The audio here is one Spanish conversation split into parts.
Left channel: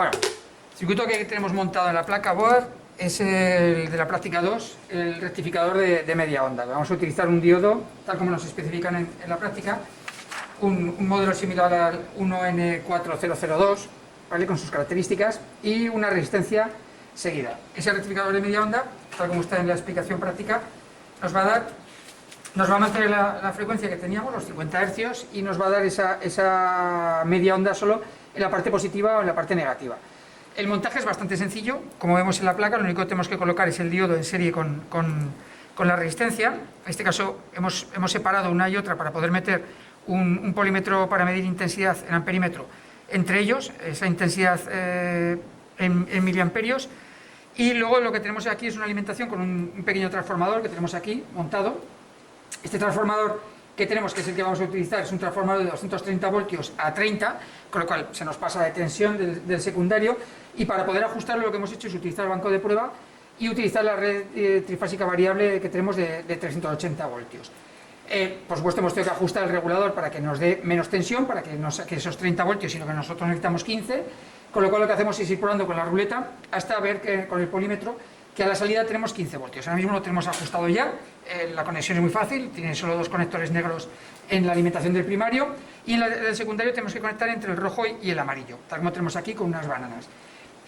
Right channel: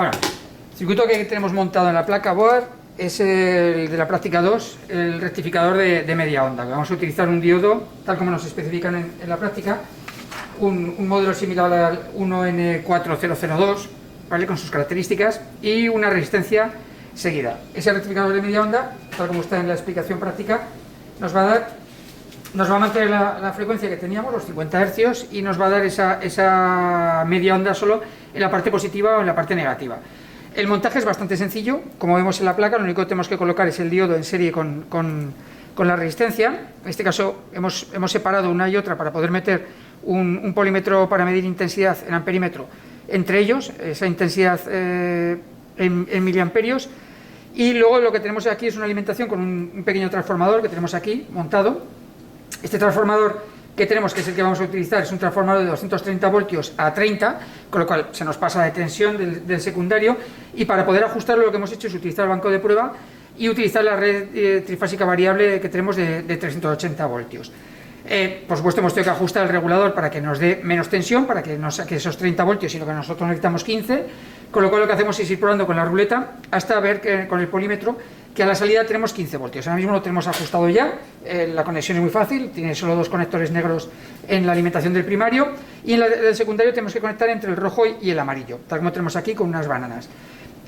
Bueno, el circuito que tenemos montado en la placa board es el de la práctica 2, el rectificador de media onda. Vamos a utilizar un diodo, tal como nos especifican en la práctica, un modelo similar al 1N4002, ¿vale?, con sus características, y una resistencia seguida. Ese rectificador de media onda, tal como está en la explicación práctica, nos va a mantener la frecuencia que teníamos, los 50 Hz, y nos va a dar esa media onda solo en la parte positiva o en la parte negativa. El montaje es bastante sencillo, como vemos en la placa. Lo único que tenemos que colocar es el diodo en serie con la resistencia. En este caso hemos separado una y otra para poder meter un polímetro para medir intensidad en amperímetro entre ellos, esa intensidad en miliamperios. Y luego lo que tenemos aquí es una alimentación con un pequeño transformador que tenemos aquí montado. Este transformador que tenemos, que es el que vamos a utilizar, es un transformador de 230 voltios a 30, con lo cual se nos pasa de tensión del secundario, y para poder ajustarlo lo que hemos hecho es utilizar el banco de prueba y utilizar la red trifásica variable que tenemos de 380 voltios. Por supuesto hemos tenido que ajustar el regulador para que nos dé menos tensión, para que no saque esos 30 voltios, sino que nosotros necesitamos 15, con lo cual lo que hacemos es ir probando con la ruleta hasta ver que, con el polímetro, que a la salida tenemos 15 voltios. Ahora mismo lo tenemos ajustado ya, la conexión es muy fácil, tiene solo dos conectores negros en la alimentación del primario, y en el secundario tenemos que conectar entre el rojo y el amarillo, tal como tenemos aquí con unas bananas.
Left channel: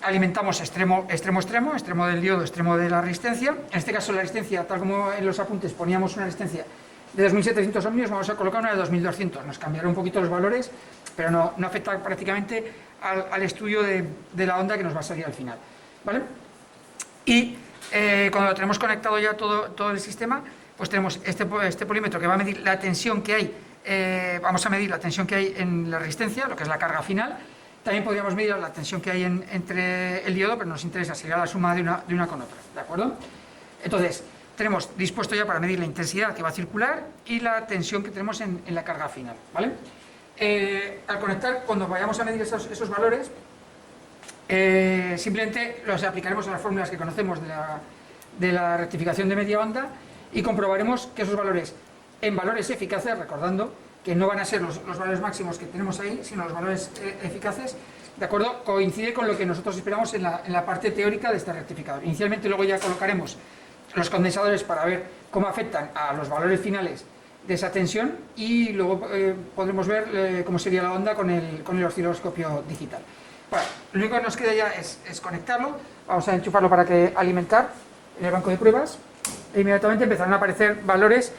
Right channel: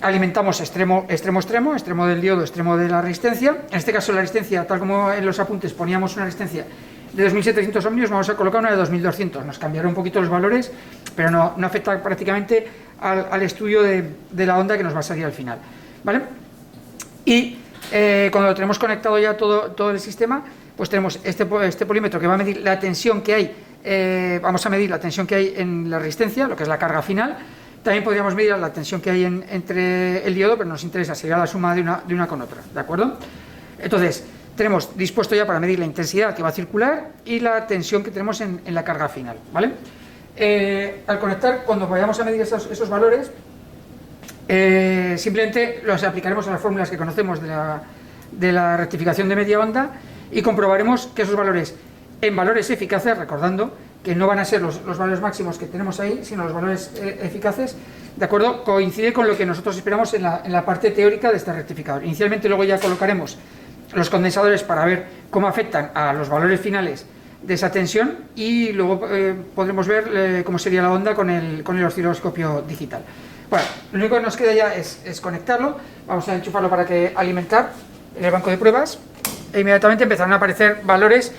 Alimentamos extremo del diodo, extremo de la resistencia. En este caso la resistencia, tal como en los apuntes poníamos una resistencia de 2700 ohmios, vamos a colocar una de 2200. Nos cambiará un poquito los valores, pero no afecta prácticamente al estudio de la onda que nos va a salir al final, ¿vale? Y cuando lo tenemos conectado ya todo el sistema, pues tenemos este polímetro que va a medir la tensión que hay. Vamos a medir la tensión que hay en la resistencia, lo que es la carga final. También podríamos medir la tensión que hay entre el diodo, pero nos interesa, sería la suma de una con otra, ¿de acuerdo? Entonces, tenemos dispuesto ya para medir la intensidad que va a circular y la tensión que tenemos en la carga final, ¿vale? Al conectar, cuando vayamos a medir esos valores, simplemente los aplicaremos a las fórmulas que conocemos de la rectificación de media onda y comprobaremos que esos valores, en valores eficaces, recordando que no van a ser los valores máximos que tenemos ahí, sino los valores eficaces, ¿de acuerdo?, coincide con lo que nosotros esperamos en la parte teórica de este rectificador. Inicialmente luego ya colocaremos los condensadores para ver cómo afectan a los valores finales de esa tensión, y luego podremos ver cómo sería la onda con el osciloscopio digital. Bueno, lo único que nos queda ya es conectarlo. Vamos a enchufarlo para que alimentar en el banco de pruebas, e inmediatamente empezarán a aparecer valores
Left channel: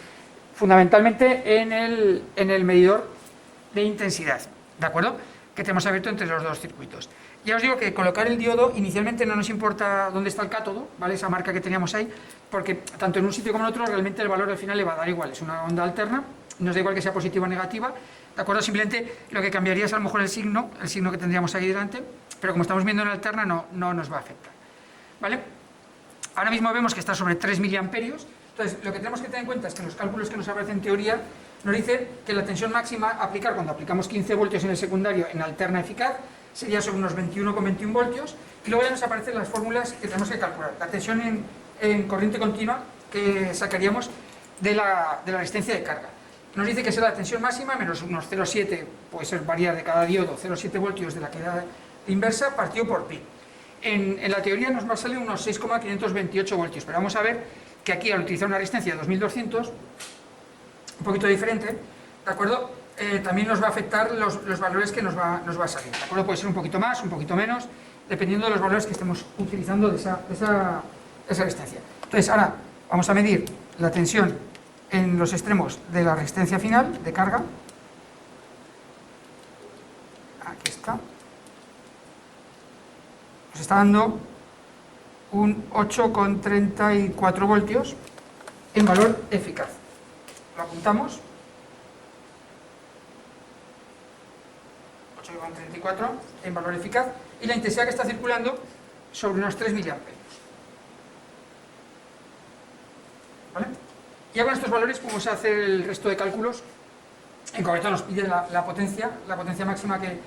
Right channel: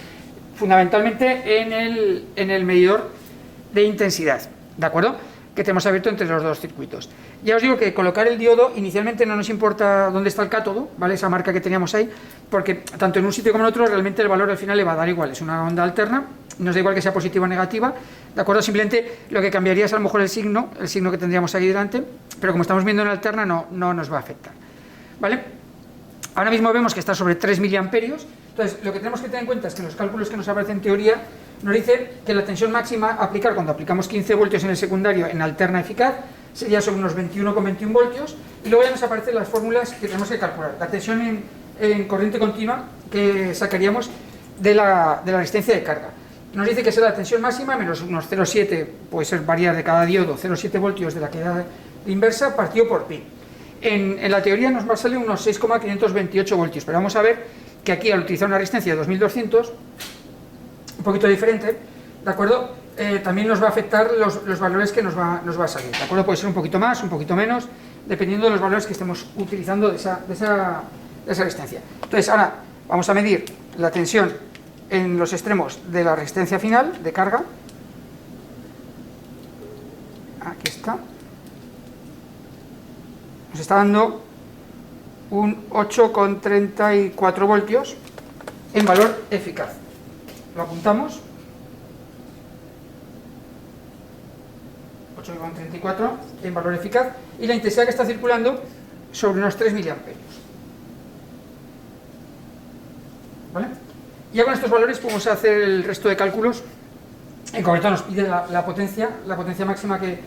fundamentalmente en el medidor de intensidad, ¿de acuerdo?, que tenemos abierto entre los dos circuitos. Ya os digo que colocar el diodo inicialmente no nos importa dónde está el cátodo, ¿vale?, esa marca que teníamos ahí, porque tanto en un sitio como en otro realmente el valor al final le va a dar igual, es una onda alterna, nos da igual que sea positiva o negativa, ¿de acuerdo? Simplemente lo que cambiaría es a lo mejor el signo que tendríamos ahí delante, pero como estamos viendo en alterna no nos va a afectar, ¿vale? Ahora mismo vemos que está sobre 3 miliamperios. Entonces, lo que tenemos que tener en cuenta es que en los cálculos que nos aparecen en teoría nos dice que la tensión máxima a aplicar cuando aplicamos 15 voltios en el secundario en alterna eficaz sería sobre unos 21,21 voltios, y luego ya nos aparecen las fórmulas que tenemos que calcular. La tensión en corriente continua que sacaríamos de la resistencia de carga. Nos dice que será la tensión máxima menos unos 0,7, puede ser variar de cada diodo, 0,7 voltios de la caída de inversa partido por pi. En la teoría nos va a salir unos 6,528 voltios, pero vamos a ver que aquí al utilizar una resistencia de 2200, un poquito diferente, ¿de acuerdo?, también nos va a afectar los valores que nos va a salir, ¿de acuerdo? Puede ser un poquito más, un poquito menos, dependiendo de los valores que estemos utilizando de esa resistencia. Entonces ahora vamos a medir la tensión en los extremos de la resistencia final de carga. Aquí está. Nos está dando un 8,34 voltios en valor eficaz. Lo apuntamos. 8,34 en valor eficaz, y la intensidad que está circulando sobre unos 3 miliamperios. ¿Vale? Ya con estos valores podemos hacer el resto de cálculos. En concreto nos pide la potencia máxima que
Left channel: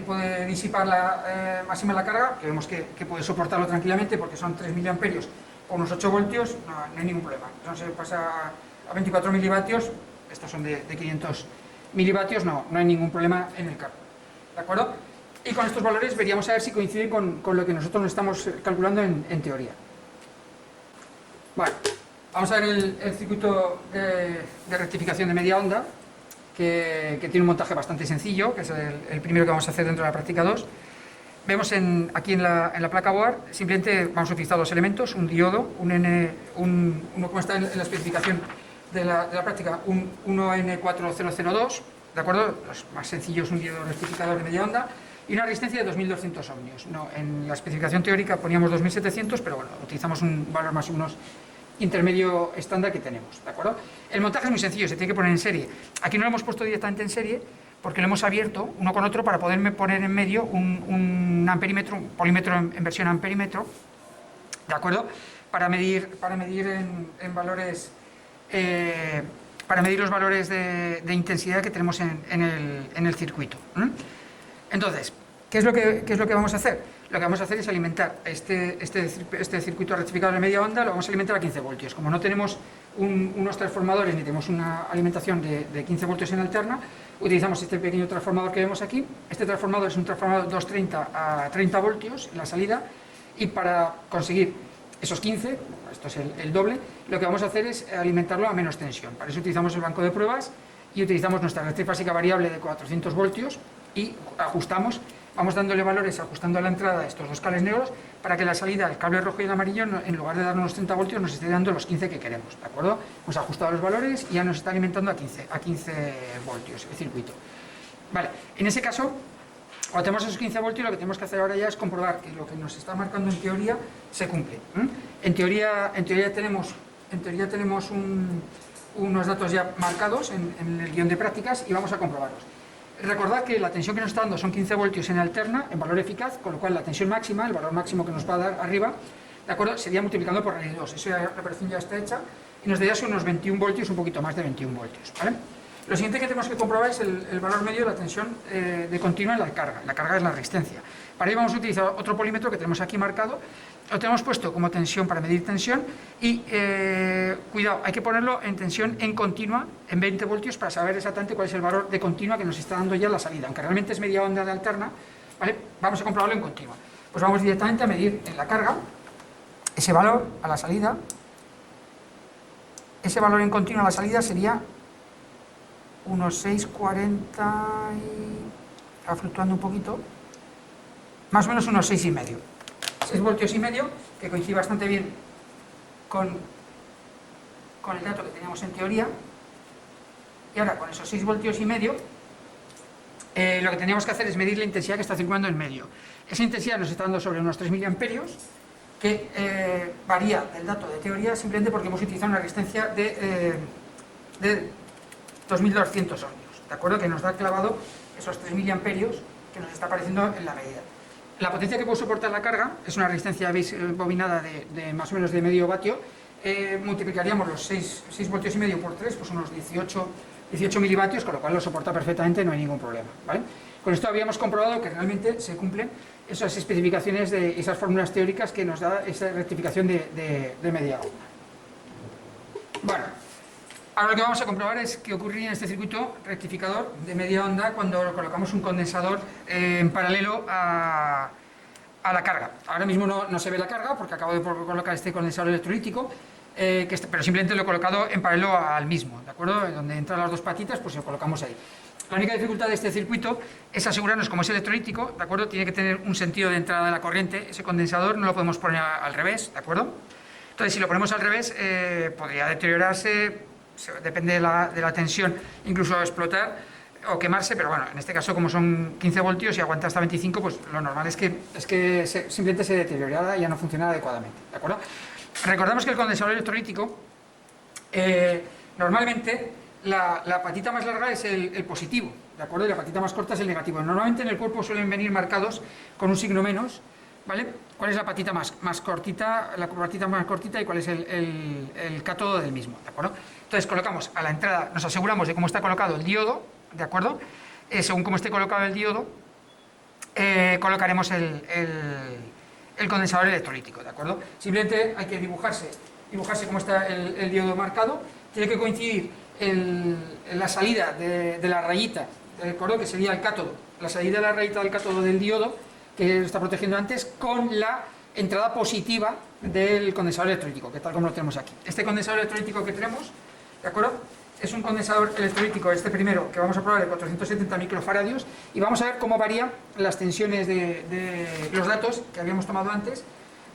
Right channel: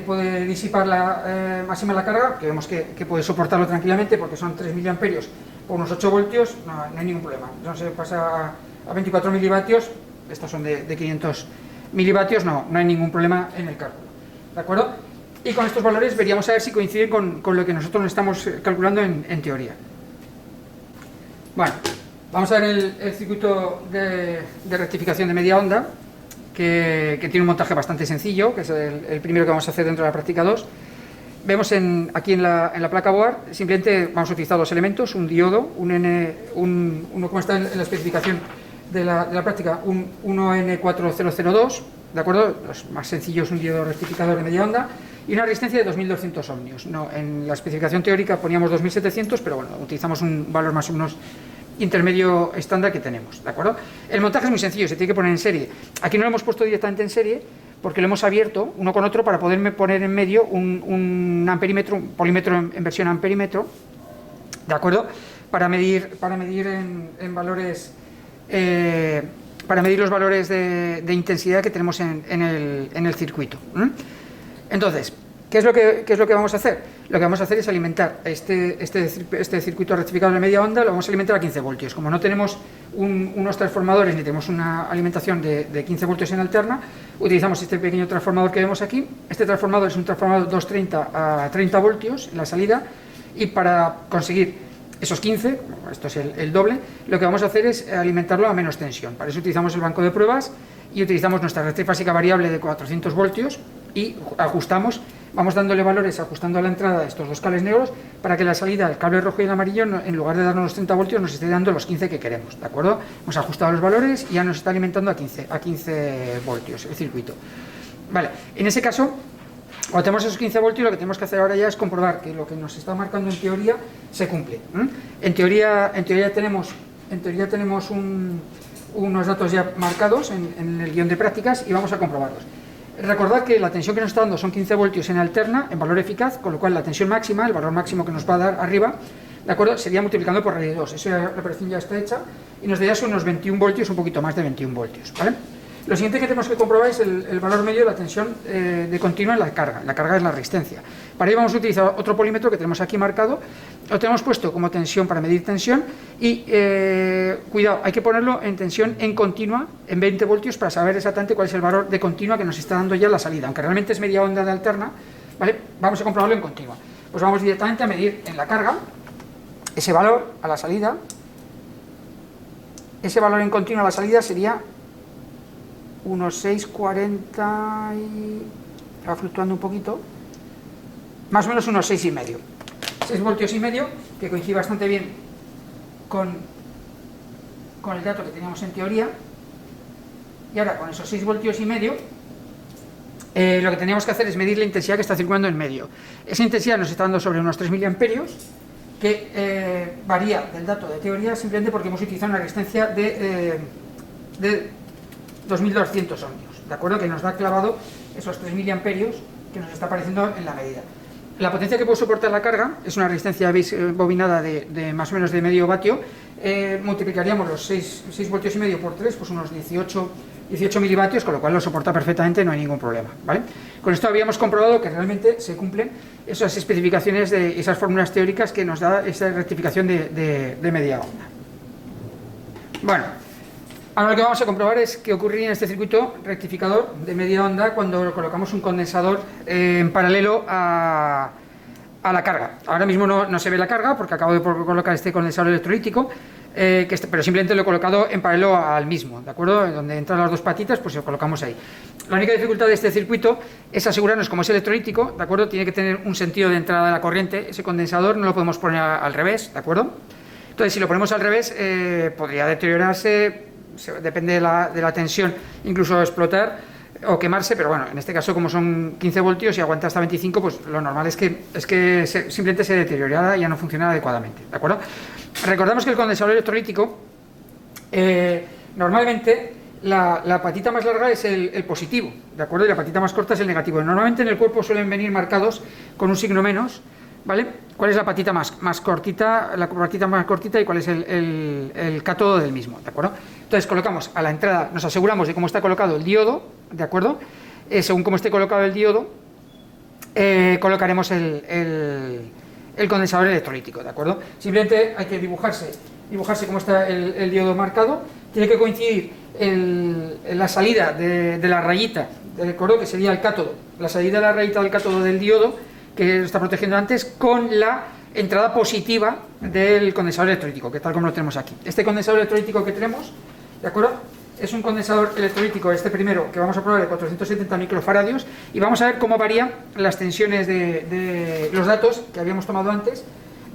puede disipar máxima la carga, que vemos que puede soportarlo tranquilamente porque son 3 miliamperios por unos 8 voltios, no hay ningún problema. No se pasa a 24 milivatios, estos son de 500 milivatios, no hay ningún problema en el cálculo, ¿de acuerdo? y con estos valores veríamos a ver si coinciden con lo que nosotros estamos calculando en teoría. Bueno, vamos a ver el circuito de rectificación de media onda, que tiene un montaje bastante sencillo, que es el primero que vamos a hacer dentro de la práctica 2. Vemos aquí en la placa board, simplemente vamos a utilizar dos elementos, un diodo, uno como está en la especificación de la práctica, un 1N4002, ¿de acuerdo? Los más sencillos, un diodo rectificador de media onda, y una resistencia de 2200 ohmios. No, en la especificación teórica poníamos 2700, pero bueno, utilizamos un valor más o menos intermedio estándar que tenemos, ¿de acuerdo? El montaje es muy sencillo, se tiene que poner en serie. Aquí no lo hemos puesto directamente en serie, porque lo hemos abierto uno con otro para poder poner en medio un amperímetro, un polímetro en versión amperímetro, ¿de acuerdo? Para medir en valores, para medir los valores de intensidad que tenemos en el circuito. Entonces, ¿qué es lo que vamos a hacer? Lo que vamos a hacer es alimentar este circuito rectificador de media onda, lo vamos a alimentar a 15 voltios. Como no tenemos unos transformadores ni tenemos una alimentación de 15 voltios en alterna, utilizamos este pequeño transformador que vemos aquí. Este transformador es un transformador 230 a 30 voltios en la salida, y para conseguir esos 15, esto es el doble, lo que vamos a hacer es alimentarlo a menos tensión. Para eso utilizamos el banco de pruebas y utilizamos nuestra red trifásica variable de 400 voltios y ajustamos, vamos dándole valores ajustando a la entrada estos dos cables negros para que la salida, el cable rojo y el amarillo, en lugar de darnos los 30 voltios, nos esté dando los 15 que queremos, ¿de acuerdo? Hemos ajustado los valores y ya nos está alimentando a 15 voltios el circuito. Vale, en ese caso, cuando tenemos esos 15 voltios, lo que tenemos que hacer ahora ya es comprobar que lo que nos está marcando en teoría se cumple. En teoría tenemos unos datos ya marcados en el guión de prácticas y vamos a comprobarlos. Recordad que la tensión que nos está dando son 15 voltios en alterna, en valor eficaz, con lo cual la tensión máxima, el valor máximo que nos va a dar arriba, ¿de acuerdo?, sería multiplicando por raíz de 2. Eso la operación ya está hecha y nos daría unos 21 voltios, un poquito más de 21 voltios, ¿vale? Lo siguiente que tenemos que comprobar es el valor medio de la tensión de continua en la carga. La carga es la resistencia. Para ello vamos a utilizar otro polímetro que tenemos aquí marcado. Lo tenemos puesto como tensión para medir tensión y, cuidado, hay que ponerlo en tensión en continua, en 20 voltios, para saber exactamente cuál es el valor de continua que nos está dando ya la salida. Aunque realmente es media onda de alterna, ¿vale?, vamos a comprobarlo en continua. Pues vamos directamente a medir en la carga ese valor a la salida. Ese valor en continua a la salida sería unos 6,40 y... va fluctuando un poquito, más o menos unos 6,5. 6 voltios y medio, que coincide bastante bien con el dato que teníamos en teoría. Y ahora, con esos 6 voltios y medio, lo que teníamos que hacer es medir la intensidad que está circulando en medio. Esa intensidad nos está dando sobre unos 3 miliamperios, que varía del dato de teoría simplemente porque hemos utilizado una resistencia de 2200 ohmios, ¿de acuerdo?, que nos da clavado esos 3 miliamperios que nos está apareciendo en la medida. La potencia que puede soportar la carga es una resistencia bobinada de más o menos de medio vatio. Multiplicaríamos los 6 voltios y medio por 3, pues unos 18 milivatios, con lo cual lo soporta perfectamente, no hay ningún problema, ¿vale? Con esto habíamos comprobado que realmente se cumplen esas especificaciones de esas fórmulas teóricas que nos da esa rectificación de media onda. Bueno, ahora lo que vamos a comprobar es qué ocurriría en este circuito rectificador de media onda cuando colocamos un condensador en paralelo a la carga. Ahora mismo no se ve la carga porque acabo de colocar este condensador electrolítico, pero simplemente lo he colocado en paralelo al mismo, ¿de acuerdo? En donde entran las dos patitas, pues lo colocamos ahí. La única dificultad de este circuito es asegurarnos, como es electrolítico, ¿de acuerdo?, tiene que tener un sentido de entrada de la corriente. Ese condensador no lo podemos poner al revés, ¿de acuerdo? Entonces, si lo ponemos al revés, podría deteriorarse, depende de la tensión, incluso explotar o quemarse, pero bueno, en este caso, como son 15 voltios y aguanta hasta 25, pues lo normal es que simplemente se deteriorara y ya no funciona adecuadamente, ¿de acuerdo? Recordamos que el condensador electrolítico, normalmente la patita más larga es el positivo, ¿de acuerdo?, y la patita más corta es el negativo. Normalmente en el cuerpo suelen venir marcados con un signo menos, ¿vale? ¿Cuál es la patita más cortita, y cuál es el cátodo del mismo, ¿de acuerdo? Entonces colocamos a la entrada, nos aseguramos de cómo está colocado el diodo, ¿de acuerdo? Según cómo esté colocado el diodo, colocaremos el condensador electrolítico, ¿de acuerdo? Simplemente hay que dibujarse cómo está el diodo marcado. Tiene que coincidir la salida de la rayita, ¿de acuerdo?, que sería el cátodo, la salida de la rayita del cátodo del diodo, que está protegiendo antes, con la entrada positiva del condensador electrolítico, que tal como lo tenemos aquí. Este condensador electrolítico que tenemos, ¿de acuerdo? Es un condensador electrolítico, este primero, que vamos a probar de 470 microfaradios, y vamos a ver cómo varían las tensiones de los datos que habíamos tomado antes,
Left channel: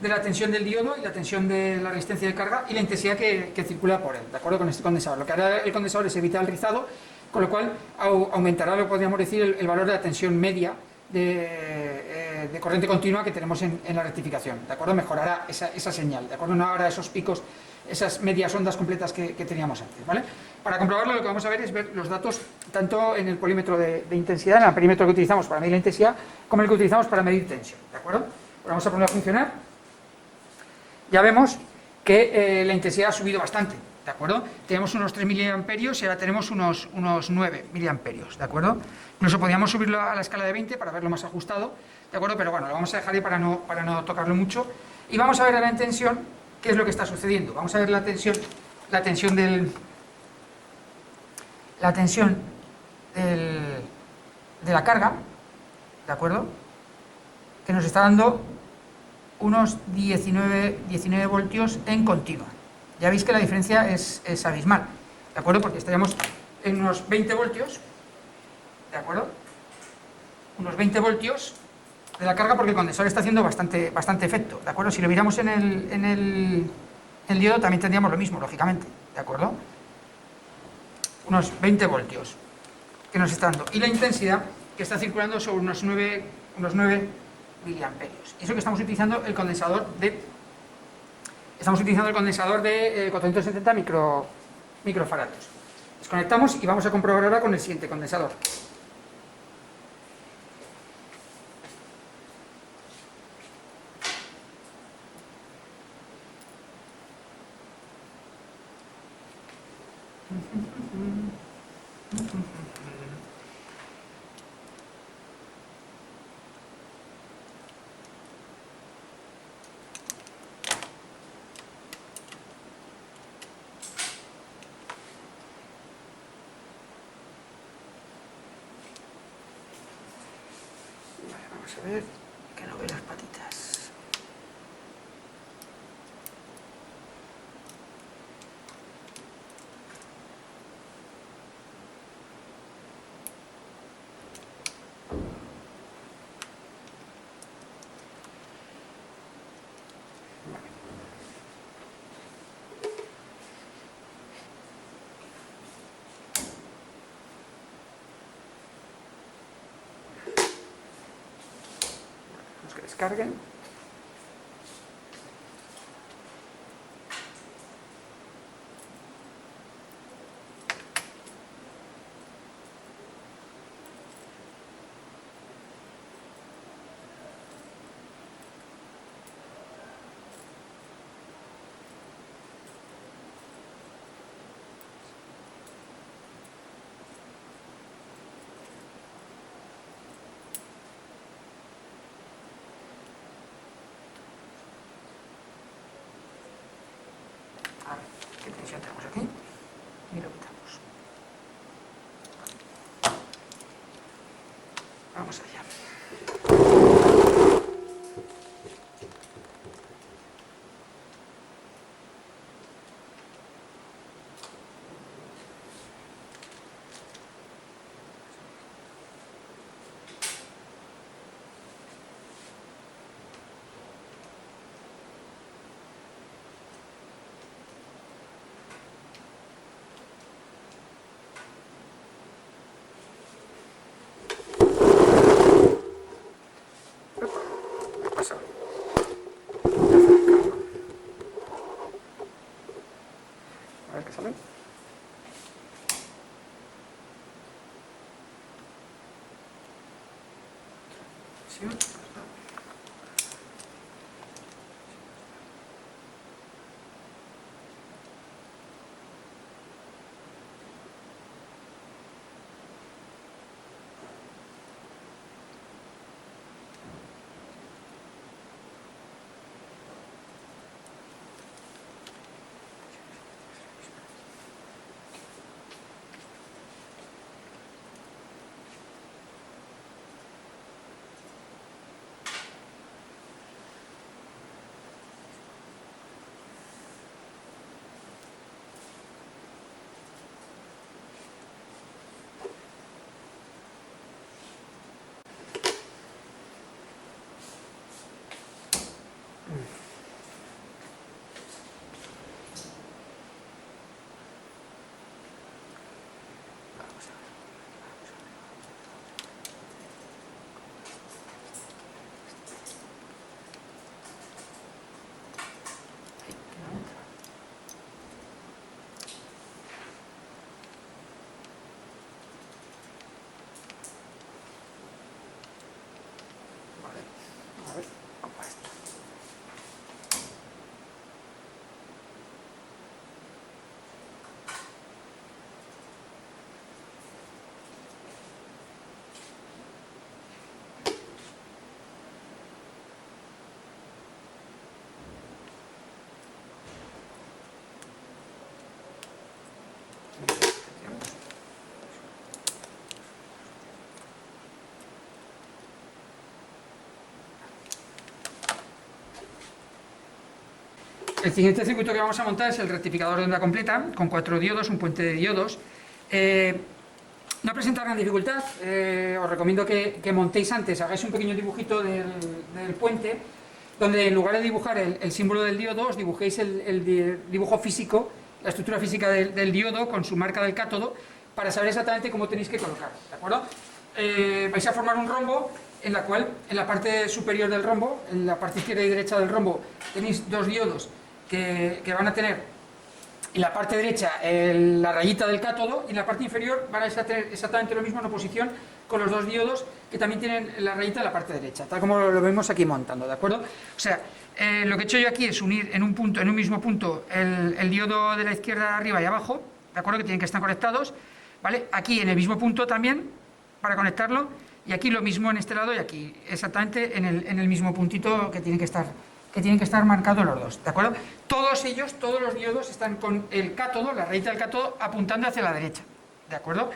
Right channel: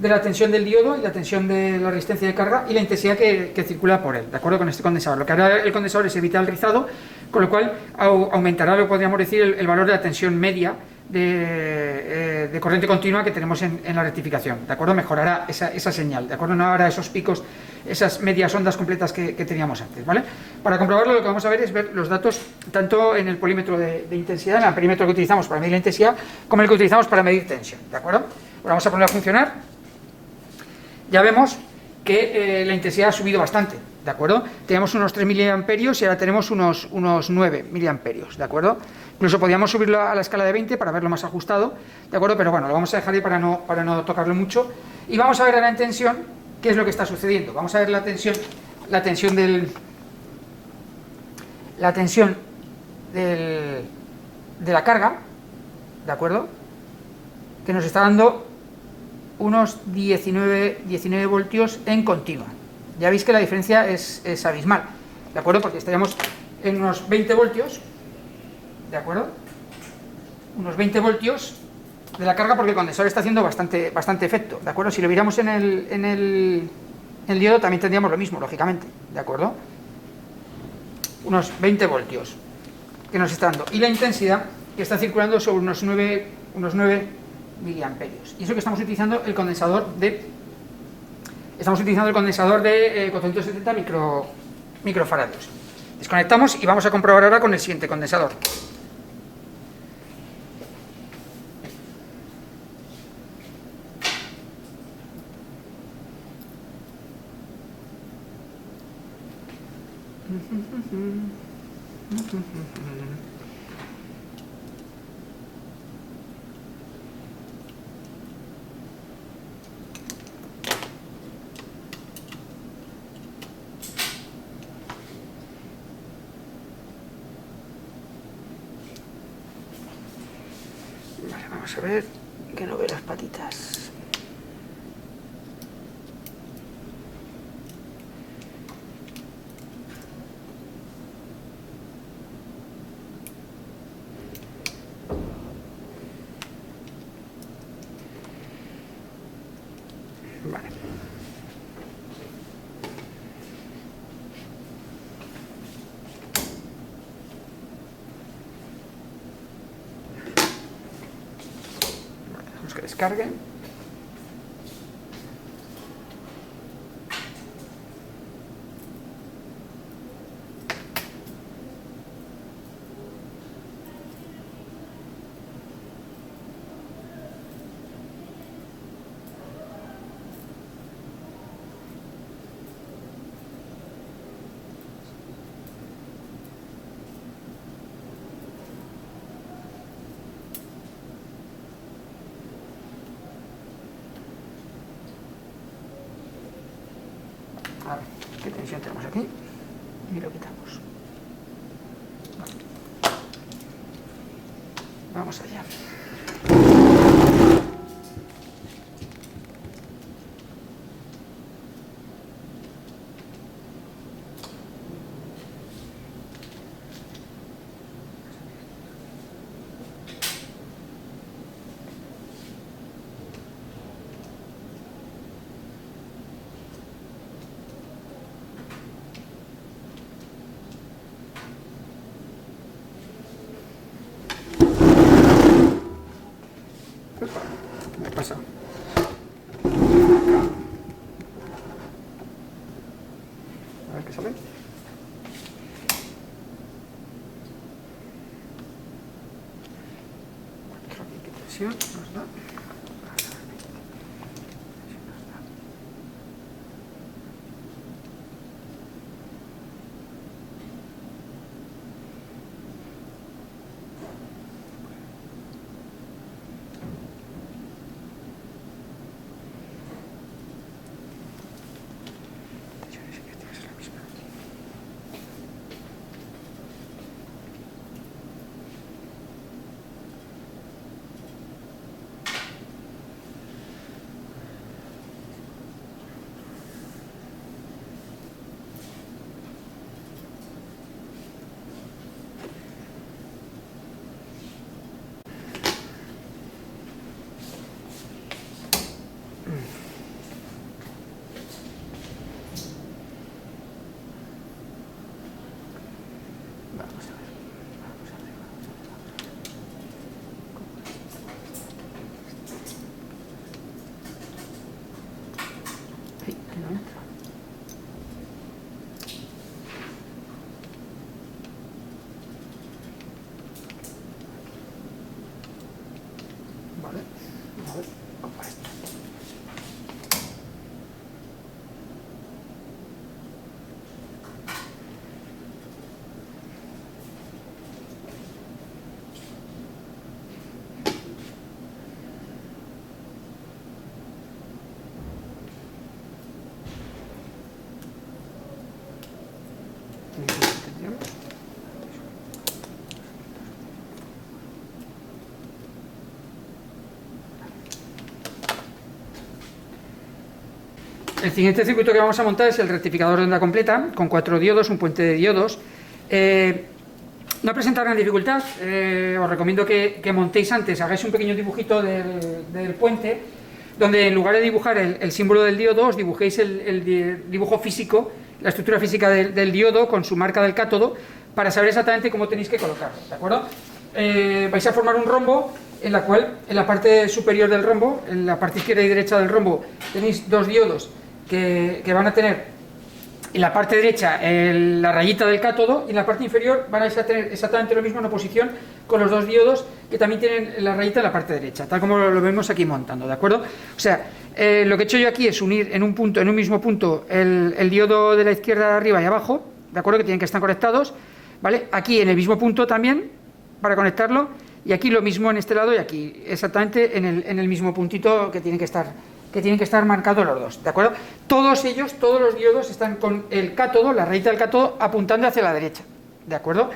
de la tensión del diodo y la tensión de la resistencia de carga y la intensidad que circula por él, ¿de acuerdo? Con este condensador. Lo que hará el condensador es evitar el rizado, con lo cual aumentará, lo podríamos decir, el valor de la tensión media de corriente continua que tenemos en la rectificación, ¿de acuerdo? Mejorará esa señal, ¿de acuerdo? No habrá esos picos, esas medias ondas completas que teníamos antes, ¿vale? Para comprobarlo, lo que vamos a ver es ver los datos tanto en el polímetro de intensidad, en el perímetro que utilizamos para medir la intensidad, como el que utilizamos para medir tensión, ¿de acuerdo? Ahora vamos a poner a funcionar. Ya vemos que la intensidad ha subido bastante, ¿de acuerdo? Teníamos unos 3 miliamperios y ahora tenemos unos 9 miliamperios, ¿de acuerdo? Incluso podríamos subirlo a la escala de 20 para verlo más ajustado, ¿de acuerdo? Pero bueno, lo vamos a dejar ahí para no tocarlo mucho. Y vamos a ver ahora en tensión qué es lo que está sucediendo. Vamos a ver la tensión de la carga, ¿de acuerdo? Que nos está dando unos 19 voltios en continua. Ya veis que la diferencia es abismal, ¿de acuerdo? Porque estaríamos en unos 20 voltios, ¿de acuerdo? Unos 20 voltios de la carga, porque el condensador está haciendo bastante efecto, ¿de acuerdo? Si lo miramos en el diodo también tendríamos lo mismo, lógicamente, ¿de acuerdo? Unos 20 voltios que nos está dando. Y la intensidad que está circulando sobre unos 9 miliamperios. Y eso que estamos utilizando el condensador de 470 microfaradios. Desconectamos y vamos a comprobar ahora con el siguiente condensador. Vamos a ver que no ve las patitas. Vale. Vamos que descarguen. A ver, ¿qué tensión tenemos aquí? Y lo quitamos. Vale. Vamos allá. ¿Qué pasa? A ver qué sale. ¿Qué tensión nos da? El siguiente circuito que vamos a montar es el rectificador de onda completa, con 4 diodos, un puente de diodos. No presenta gran dificultad, os recomiendo que montéis antes, hagáis un pequeño dibujito del puente, donde en lugar de dibujar el símbolo del diodo, os dibujéis el dibujo físico, la estructura física del diodo con su marca del cátodo, para saber exactamente cómo tenéis que colocarlo, ¿de acuerdo? Vais a formar un rombo en la cual, en la parte superior del rombo, en la parte izquierda y derecha del rombo, tenéis 2 diodos que van a tener en la parte derecha la rayita del cátodo, y en la parte inferior van a tener exactamente lo mismo en oposición con los 2 diodos que también tienen la rayita en la parte derecha, tal como lo vemos aquí montando, ¿de acuerdo? O sea, lo que he hecho yo aquí es unir en un mismo punto el diodo de la izquierda arriba y abajo, ¿de acuerdo? Que tienen que estar conectados, ¿vale? Aquí en el mismo punto también, para conectarlo, y aquí lo mismo en este lado y aquí, exactamente en el mismo puntito que tienen que estar marcados los dos, ¿de acuerdo? Todos los diodos están con el cátodo, la rayita del cátodo, apuntando hacia la derecha, ¿de acuerdo?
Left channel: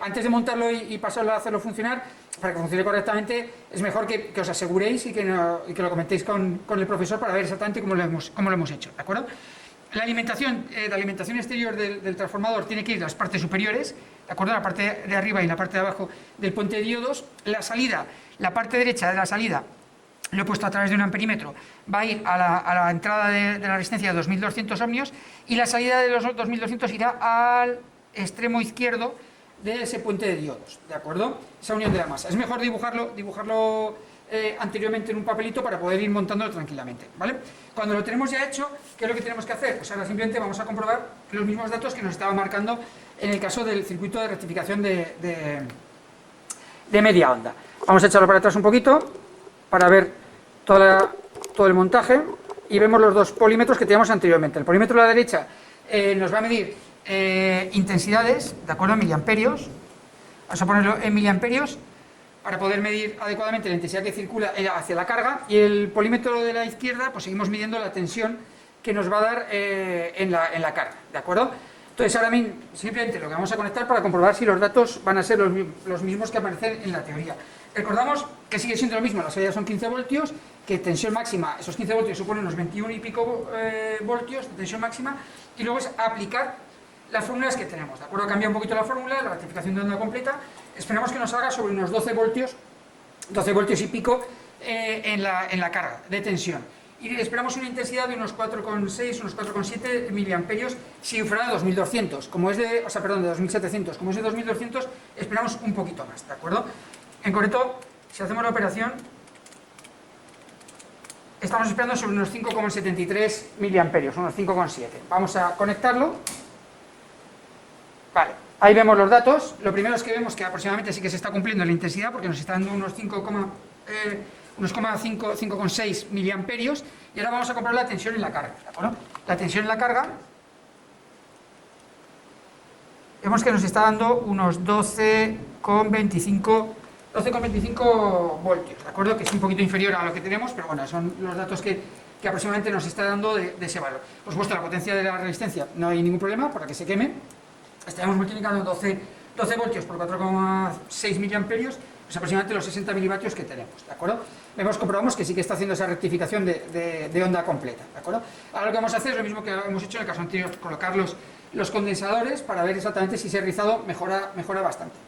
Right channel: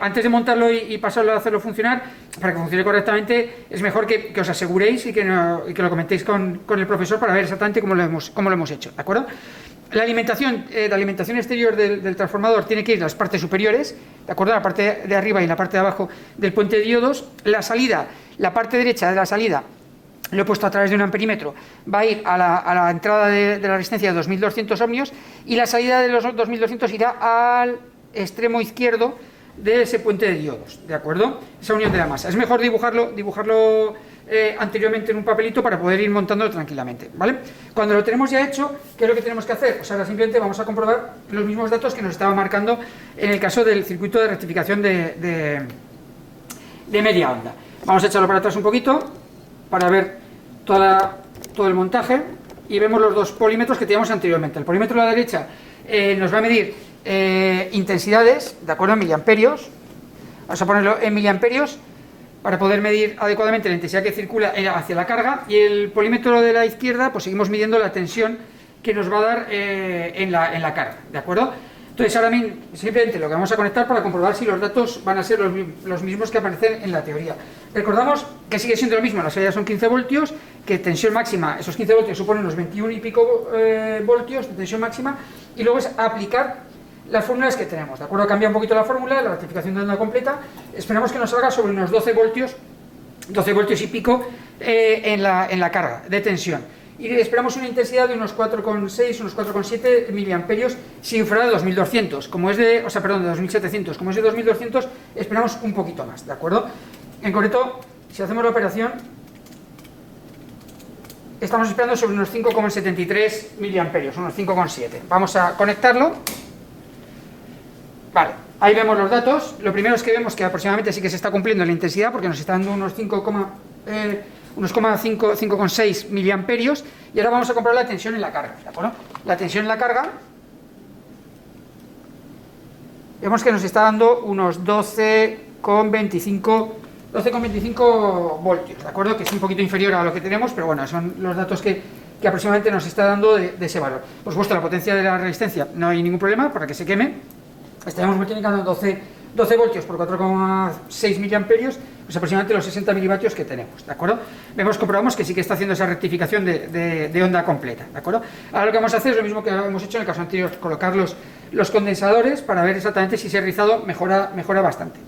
Antes de montarlo y pasarlo a hacerlo funcionar, para que funcione correctamente, es mejor que os aseguréis y que lo comentéis con el profesor para ver exactamente cómo lo hemos hecho, ¿de acuerdo? La alimentación exterior del transformador tiene que ir a las partes superiores, ¿de acuerdo? La parte de arriba y la parte de abajo del puente de diodos. La salida, la parte derecha de la salida, lo he puesto a través de un amperímetro, va a ir a la entrada de la resistencia de 2200 ohmios, y la salida de los 2200 irá al extremo izquierdo de ese puente de diodos, ¿de acuerdo? Esa unión de la masa. Es mejor dibujarlo anteriormente en un papelito para poder ir montándolo tranquilamente, ¿vale? Cuando lo tenemos ya hecho, ¿qué es lo que tenemos que hacer? Pues ahora simplemente vamos a comprobar los mismos datos que nos estaba marcando en el caso del circuito de rectificación de media onda. Vamos a echarlo para atrás un poquito para ver todo el montaje, y vemos los 2 polímetros que teníamos anteriormente. El polímetro de la derecha nos va a medir intensidades, ¿de acuerdo? En miliamperios. Vamos a ponerlo en miliamperios para poder medir adecuadamente la intensidad que circula hacia la carga, y el polímetro de la izquierda, pues seguimos midiendo la tensión que nos va a dar en la carga, ¿de acuerdo? Entonces ahora mismo simplemente lo que vamos a conectar para comprobar si los datos van a ser los mismos que aparecen en la teoría. Recordamos que sigue siendo lo mismo, la salida son 15 voltios, que tensión máxima, esos 15 voltios suponen unos 21 y pico voltios de tensión máxima, y luego es aplicar las fórmulas que tenemos, ¿de acuerdo? Cambia un poquito la fórmula, la rectificación de onda completa, esperamos que nos salga sobre unos 12 voltios y pico en la carga de tensión, y esperamos una intensidad de unos 4,6, unos 4,7 miliamperios si fuera de 2200, de 2700, como es de 2200, esperamos un poquito más, ¿de acuerdo? En concreto, si hacemos la operación, estamos esperando sobre unos 5,73 miliamperios, unos 5,7. Vamos a conectarlo. Vale, ahí vemos los datos. Lo primero es que vemos que aproximadamente sí que se está cumpliendo la intensidad, porque nos está dando unos 5,6 miliamperios, y ahora vamos a comprobar la tensión en la carga, ¿de acuerdo? La tensión en la carga, vemos que nos está dando unos 12,25 voltios, ¿de acuerdo? Que es un poquito inferior a lo que tenemos, pero bueno, son los datos que aproximadamente nos está dando de ese valor. Por supuesto, la potencia de la resistencia no hay ningún problema para que se queme. Estaríamos multiplicando 12 voltios por 4,6 miliamperios, pues aproximadamente los 60 milivatios que tenemos, ¿de acuerdo? Comprobamos que sí que está haciendo esa rectificación de onda completa, ¿de acuerdo? Ahora lo que vamos a hacer es lo mismo que hemos hecho en el caso anterior, colocar los condensadores para ver exactamente si ese rizado mejora bastante.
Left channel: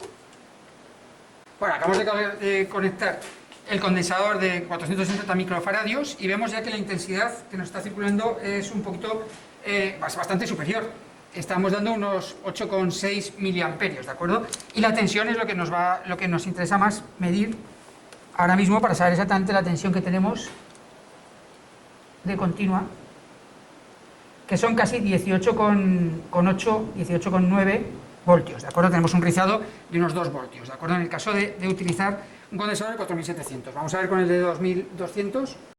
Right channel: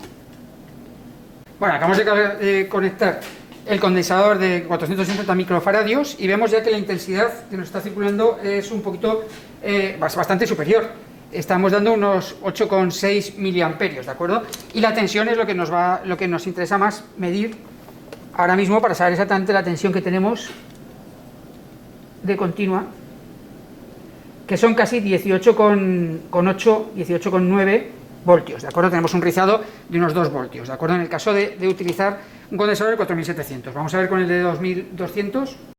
Bueno, acabamos de conectar el condensador de 470 microfaradios y vemos ya que la intensidad que nos está circulando es un poquito, bastante superior. Estamos dando unos 8,6 miliamperios, ¿de acuerdo? Y la tensión es lo que nos interesa más medir ahora mismo para saber exactamente la tensión que tenemos de continua, que son casi 18,8, 18,9 voltios, ¿de acuerdo? Tenemos un rizado de unos 2 voltios, ¿de acuerdo? En el caso de utilizar un condensador de 4700. Vamos a ver con el de 2200.